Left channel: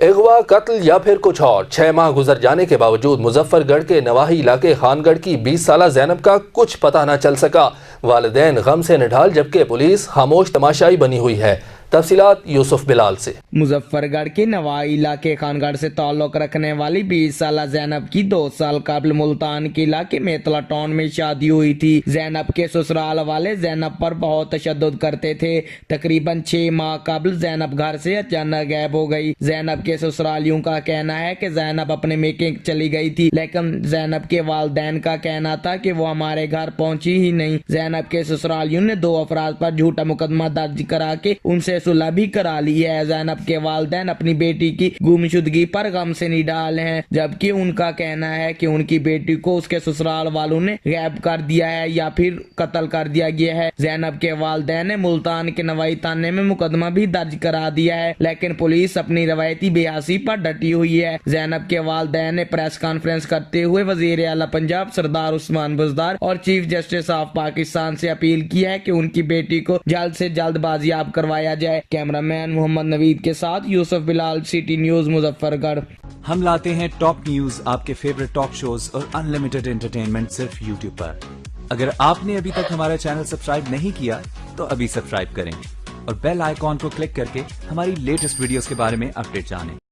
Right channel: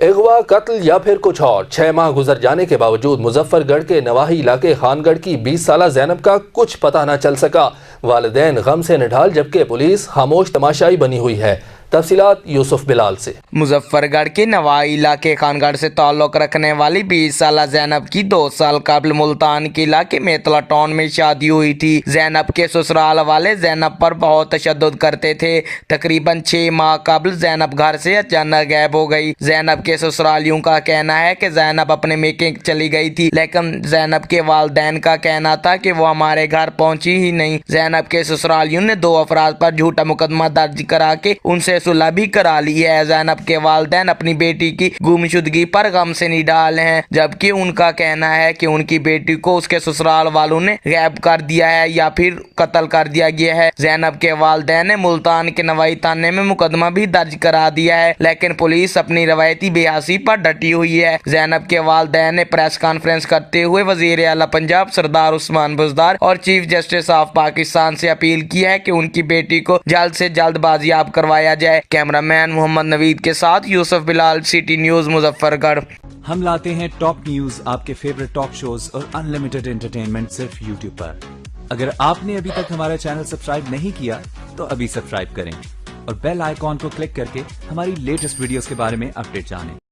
اغوا، قتل یا پھر کچھ اور، 6 ماہ گزر جانے کے باوجود مظفر گڑھ کے نواحی علاقے خان گڑھ کی 20 سالہ زینب کا کچھ پتہ نہ چل سکا۔ والدین غم سے نڈھال جبکہ پولیس خاموش تماشائی بنی ہوئی ہے۔ تفصیلات یوسف بلال سے۔ مظفر گڑھ کے نواحی علاقے خان گڑھ سے تعلق رکھنے والی 20 سالہ زینب کی 2 سال قبل ملتان کے علاقے میتلا ٹاؤن میں شادی ہوئی تھی۔ زینب کے سسرال والے زینب پر بہت تشدد کرتے تھے۔ تقریباً 6 ماہ قبل زینب گھر سے اچانک غائب ہو گئی۔ زینب کے سسرالیوں کا کہنا ہے کہ زینب اپنے میکے چلی گئی تھی، لیکن زینب کے والدین کا کہنا تھا کہ وہ ہمارے گھر پہنچی ہی نہیں۔ زینب کے سسرالیوں نے 2 افراد پر جھوٹا مقدمہ درج کرا کے ان سے صلح بھی کرا لی ہے۔ زینب کے والدین اپنی بیٹی کی گمشدگی پر غم سے نڈھال ہیں، جبکہ ان کا کہنا ہے کہ ان کی بیٹی کو اس کے سسرال والوں نے غائب کر دیا ہے یا پھر قتل کر دیا گیا ہے۔ زینب کے والدین نے ملتان کے نوائی تھانے میں مقدمہ بھی درج کرا دیا ہے، لیکن پولیس اپنی روایتی بے حسی پر ڈٹی ہوئی ہے۔ زینب کے والدین نے پریس کانفرنس کرتے ہوئے وزیر اعلیٰ پنجاب سردار عثمان بزدار اور چیف جسٹس آف پاکستان سے اپیل کی ہے کہ ان کی بیٹی کو جلد سے جلد بازیاب کروایا جائے۔ کیمرہ مین محمد نوید کے ساتھ یوسف بلال، سٹی نیوز، مظفر گڑھ۔ ہم لاتے ہیں ٹاپ نیوز، آپ کے فیوریٹ ٹاک شوز اور انلمیٹڈ انٹرٹینمنٹ صرف یوٹیوب پر۔ اگر آپ نے ابھی تک ہمارا چینل سبسکرائب نہیں کیا تو ابھی سبسکرائب کریں اور بیل آئیکن کو کلک کر کے ہماری لیٹسٹ ویڈیوز کے بارے میں اپڈیٹ جانیں۔